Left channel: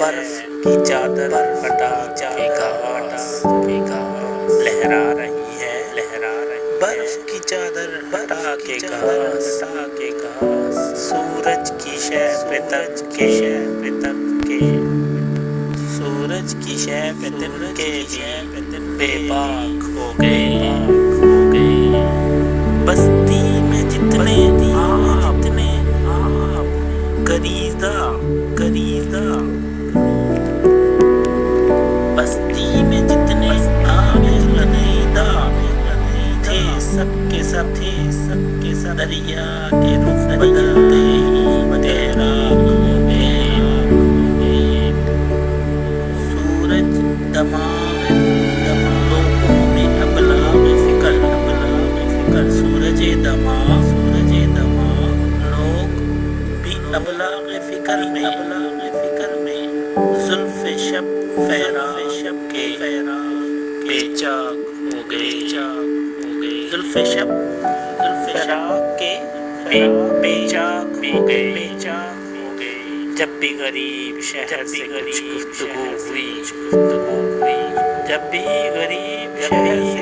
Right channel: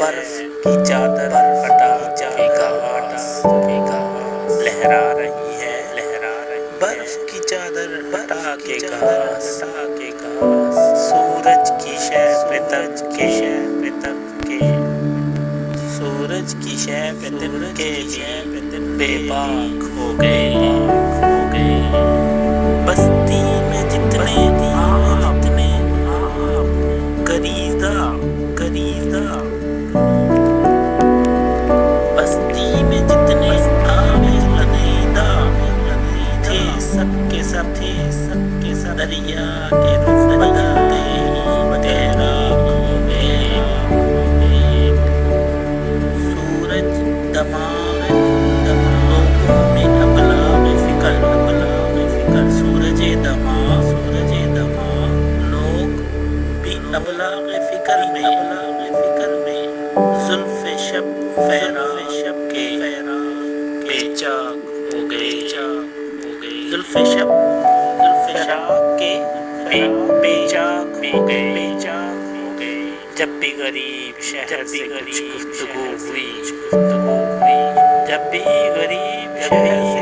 बर्फ की चादर हटा के घास लहरा रही है, बर्फ की चादर हटा के घास, सूरज की शह पे तन के सूरज की शह पे तिन के बेबाक हो गए। बस्ती में जितने गरीदा बस्ती में जितने आमिदा थे, सबके सब दरिया के रुख बदलते तैराक हो गए। सूरज दमाग लोगों में अबला में फिकर सूरज दमाग लोग भी अबला में फिकर में जुल्फ़े शब के बेचाक हो गए। जुल्फ़े शब के बेचाक हो गए। जब भी गरीब शहर से कुछ गुफ्तगू हुई, जब भी गरीब शहर से